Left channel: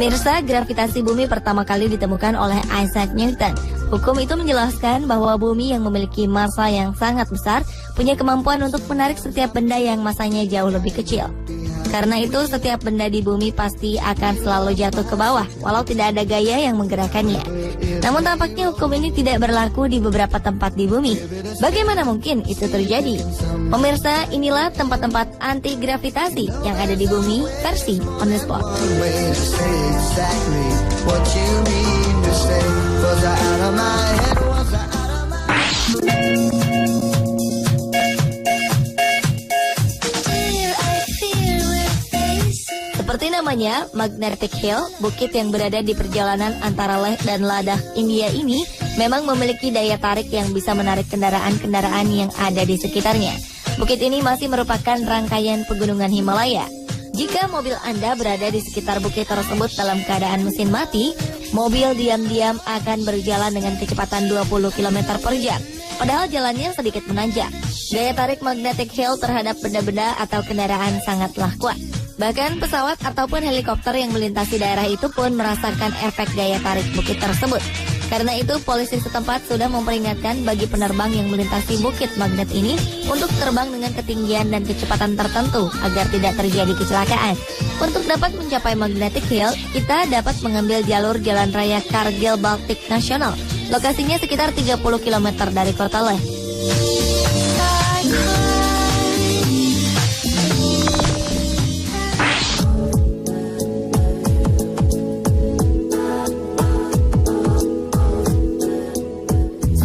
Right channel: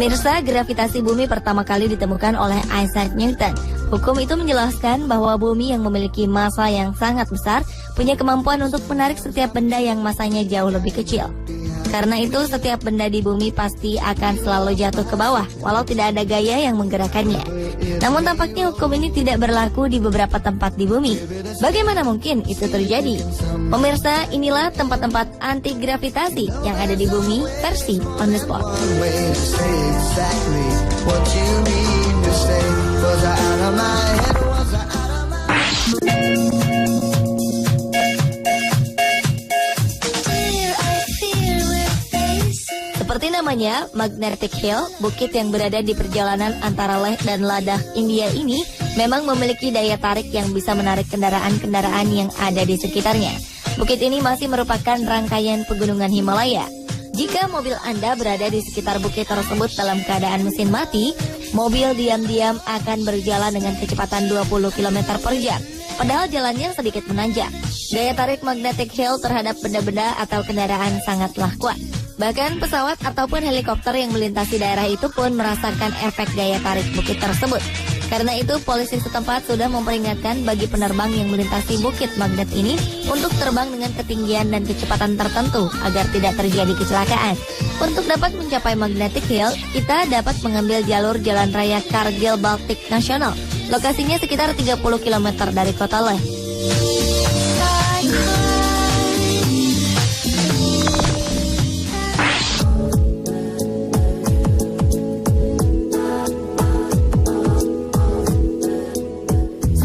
Pemirsa, gravitasi bumi pertama kali ditemukan oleh Isaac Newton. Hukum itu menjelaskan bahwa bumi yang memiliki massa yang sangat besar punya kemampuan untuk menarik setiap benda yang massanya jauh lebih kecil. Karena itu, setiap benda di bumi pasti akan selalu jatuh ke bawah, walau tidak ada gaya yang menggerakkannya. Namun tampaknya hukum ini tidak berlaku di beberapa tempat di bumi. Bagaimana mungkin itu terjadi? Pemirsa, inilah tempat-tempat anti gravitasi yang ada di bumi versi On The Spot. Seperti namanya, Magnetic Hill, bukit yang berada di perjalanan antara Leh dan Ladakh, India ini memang memiliki daya tarik yang bisa menarik kendaraan-kendaraan yang ada di sekitarnya. Bukit ini masih merupakan rangkaian pegunungan Himalaya. Jika mobil Anda berada di sekitar bukit tersebut dalam keadaan mesin mati, mobil diam-diam akan berjalan dengan kecepatan 20 km per jam. Padahal jalannya sedikit menanjak. Daya tarik Magnetic Hill terhadap benda-benda atau kendaraan sangatlah kuat. Bahkan pesawat ataupun helikopter yang melintasi daerah itu pun merasakan efek daya tarik bukit tersebut. Karena itu, polisi setempat sudah memperingatkan bagi penerbang yang melintasi bukit magnet ini untuk terbang dengan ketinggian dan kecepatan tertentu agar tidak terjadi kecelakaan. Untuk dapat mencapai Magnetic Hill, kita dapat mengambil jalur jalan raya Kargil Baltic National. Lokasinya sekitar 30 km dari kota Leh.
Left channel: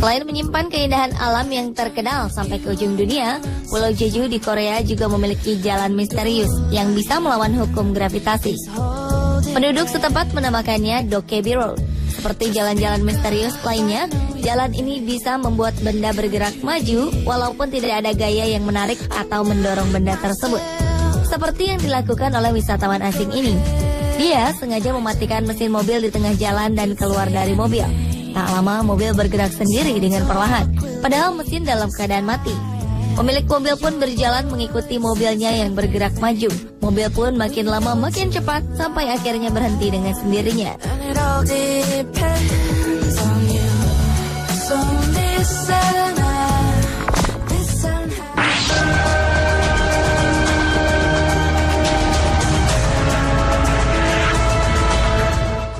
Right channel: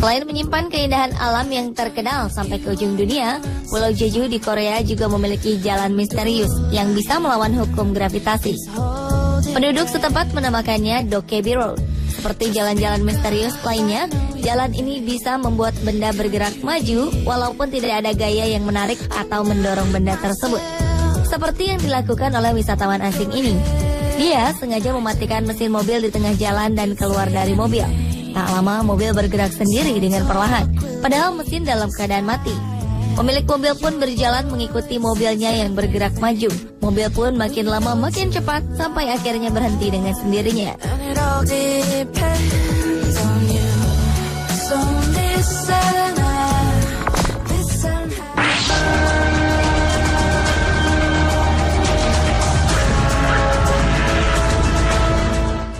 Selain menyimpan keindahan alam yang terkenal sampai ke ujung dunia, Pulau Jeju di Korea juga memiliki jalan misterius yang bisa melawan hukum gravitasi. Penduduk setempat menamakannya Dokkaebi Road. Seperti jalan-jalan misterius lainnya, jalan ini bisa membuat benda bergerak maju walaupun tidak ada gaya yang menarik atau mendorong benda tersebut. Seperti yang dilakukan oleh wisatawan asing ini. Dia sengaja mematikan mesin mobil di tengah jalan dan keluar dari mobil. Tak lama mobil bergerak sendiri dengan perlahan, padahal mesin dalam keadaan mati. Pemilik mobil pun berjalan mengikuti mobilnya yang bergerak maju. Mobil pun makin lama makin cepat sampai akhirnya berhenti dengan sendirinya.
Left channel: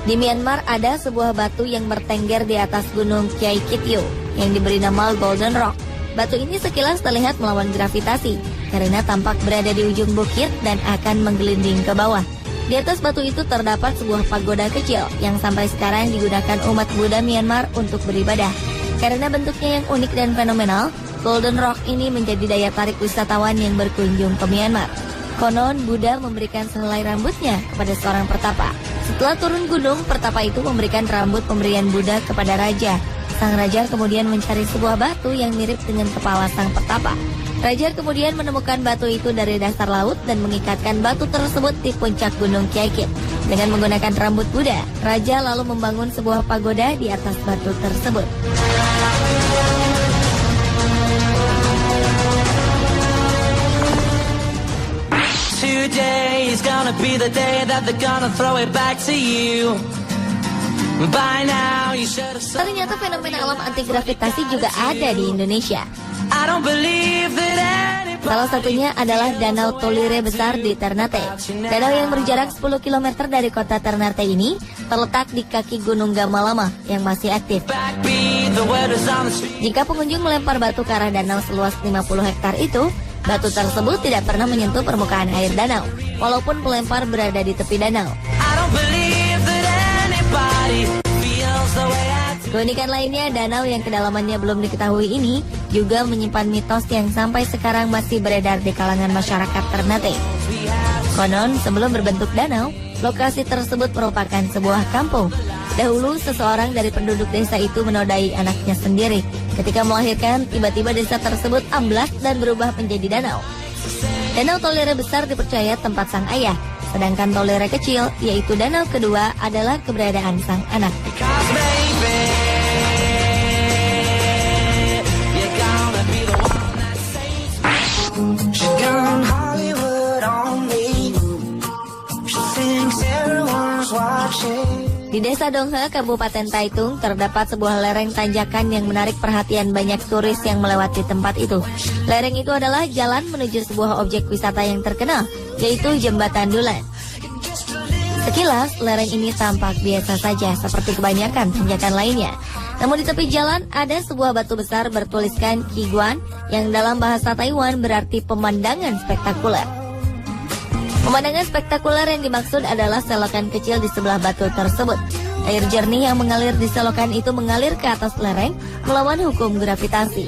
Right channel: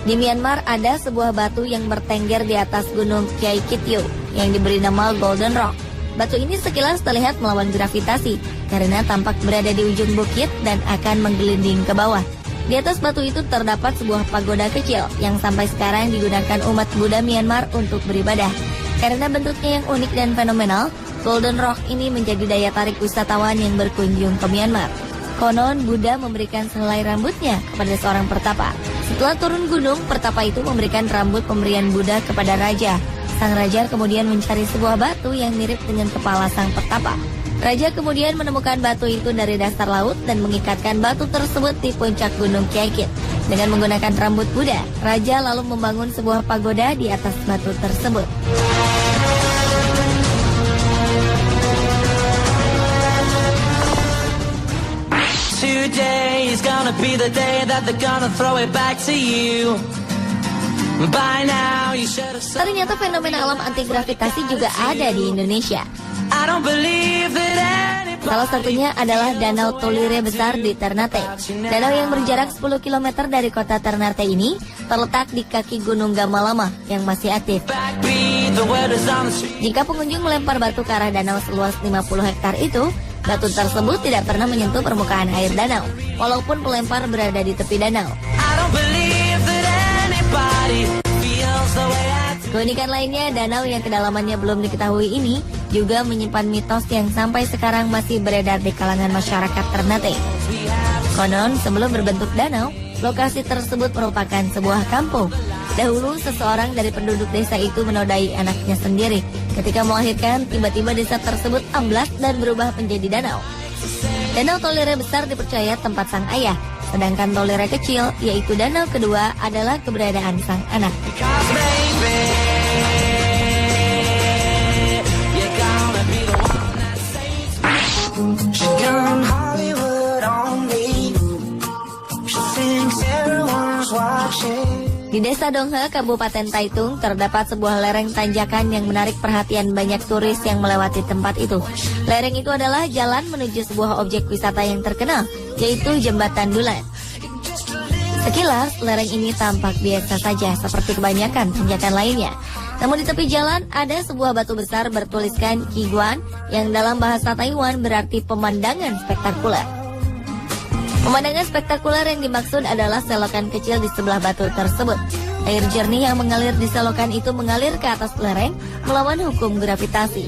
Di Myanmar ada sebuah batu yang bertengger di atas gunung Kaikityo yang diberi nama Golden Rock. Batu ini sekilas terlihat melawan gravitasi karena tampak berada di ujung bukit dan akan menggelinding ke bawah. Di atas batu itu terdapat sebuah pagoda kecil yang sampai sekarang digunakan umat Buddha Myanmar untuk beribadah. Karena bentuknya yang unik dan fenomenal, Golden Rock ini menjadi daya tarik wisatawan yang berkunjung ke Myanmar. Konon, Buddha memberikan sehelai rambutnya kepada seorang pertapa. Setelah turun gunung, pertapa itu memberikan rambut pemberian Buddha kepada raja. Sang raja kemudian mencari sebuah batu yang mirip dengan kepala sang pertapa. Raja kemudian menemukan batu itu dari dasar laut dan mengikatkan batu tersebut di puncak gunung Kaikit. Dengan menggunakan rambut Buddha, raja lalu membangun sebuah pagoda di atas batu tersebut. Today is gonna be the day that they're gonna throw it back to you. By now you should have. Ternyata fenomena alam anti gravitasi juga ada di Indonesia. I don't believe that. Salah satunya adalah Danau Tolire besar di Ternate. Danau yang berjarak 10 km dari kota Ternate ini terletak di kaki Gunung Gamalama yang masih aktif. Jika pengunjung melempar batu ke arah danau seluas 50 hektar itu, batu tersebut tidak pernah menyentuh permukaan air danau, walaupun pelempar berada di tepi danau. Keunikan lainnya, danau yang kedalamannya belum diketahui ini juga menyimpan mitos yang sampai sekarang masih beredar di kalangan masyarakat Ternate. Konon, sebelum berbentuk danau, lokasi tersebut merupakan sebuah kampung. Dahulu, seseorang dari penduduk desa itu menodai anaknya sendiri. Ketika melahirkan, tiba-tiba desa tersebut amblas dan berubah menjadi danau. Danau Tolire besar dipercaya tempat sang ayah, sedangkan Tolire kecil, yaitu danau kedua, adalah keberadaan sang anak. Di Desa Donghe, Kabupaten Taitung, terdapat sebuah lereng tanjakan yang menarik perhatian banyak turis yang melewati tempat itu. Lereng itu adalah jalan menuju sebuah objek wisata yang terkenal, yaitu Jembatan Dulan. Sekilas, lereng ini tampak biasa saja seperti kebanyakan tanjakan lainnya. Namun di tepi jalan ada sebuah batu besar bertuliskan Iguan yang dalam bahasa Taiwan berarti pemandangan spektakuler. Pemandangan spektakuler yang dimaksud adalah selokan kecil di sebelah batu tersebut. Air jernih yang mengalir di selokan itu mengalir ke atas lereng melawan hukum gravitasi.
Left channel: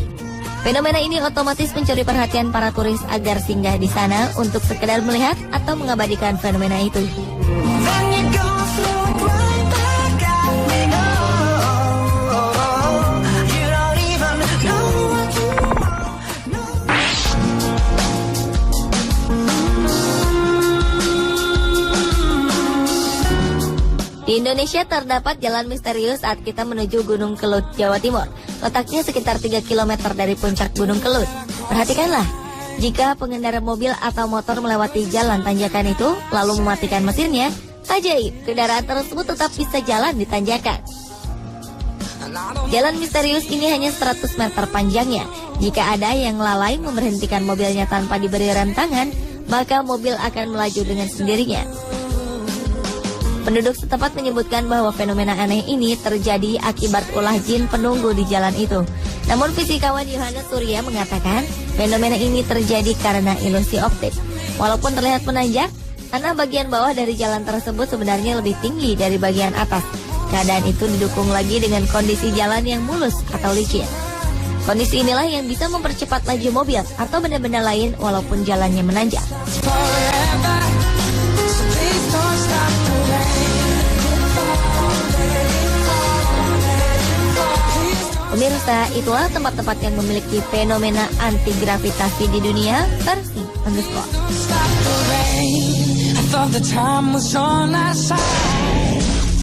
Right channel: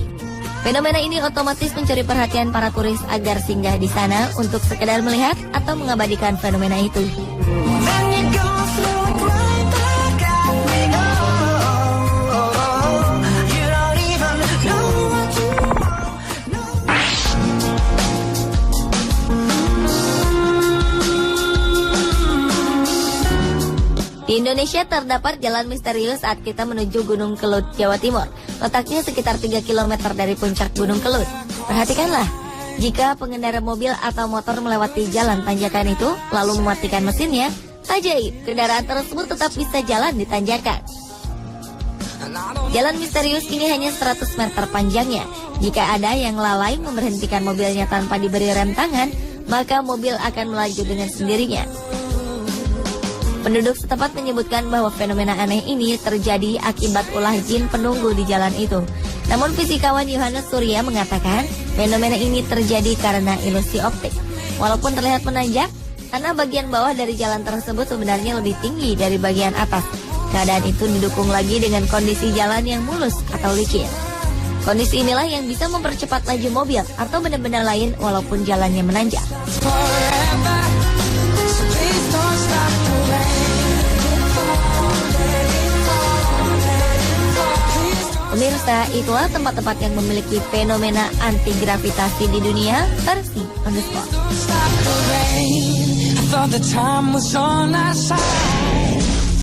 Fenomena ini otomatis mencuri perhatian para turis agar singgah di sana untuk sekedar melihat atau mengabadikan fenomena itu. Di Indonesia terdapat jalan misterius saat kita menuju Gunung Kelut, Jawa Timur. Letaknya sekitar 3 km dari puncak Gunung Kelut. Perhatikanlah, jika pengendara mobil atau motor melewati jalan tanjakan itu, lalu mematikan mesinnya, ajaib, kendaraan tersebut tetap bisa jalan di tanjakan. Jalan misterius ini hanya 100 meter panjangnya. Jika ada yang lalai memberhentikan mobilnya tanpa diberi rem tangan, maka mobil akan melaju dengan sendirinya. Penduduk setempat menyebutkan bahwa fenomena aneh ini terjadi akibat ulah jin penunggu di jalan itu. Namun fisikawan Yohanes Surya mengatakan fenomena ini terjadi karena ilusi optik. Walaupun terlihat menanjak, karena bagian bawah dari jalan tersebut sebenarnya lebih tinggi dari bagian atas. Keadaan itu didukung lagi dengan kondisi jalan yang mulus atau licin. Kondisi inilah yang bisa mempercepat laju mobil atau benda-benda lain walaupun jalannya menanjak. Pemirsa, itulah tempat-tempat yang memiliki fenomena anti gravitasi di dunia versi Underspot.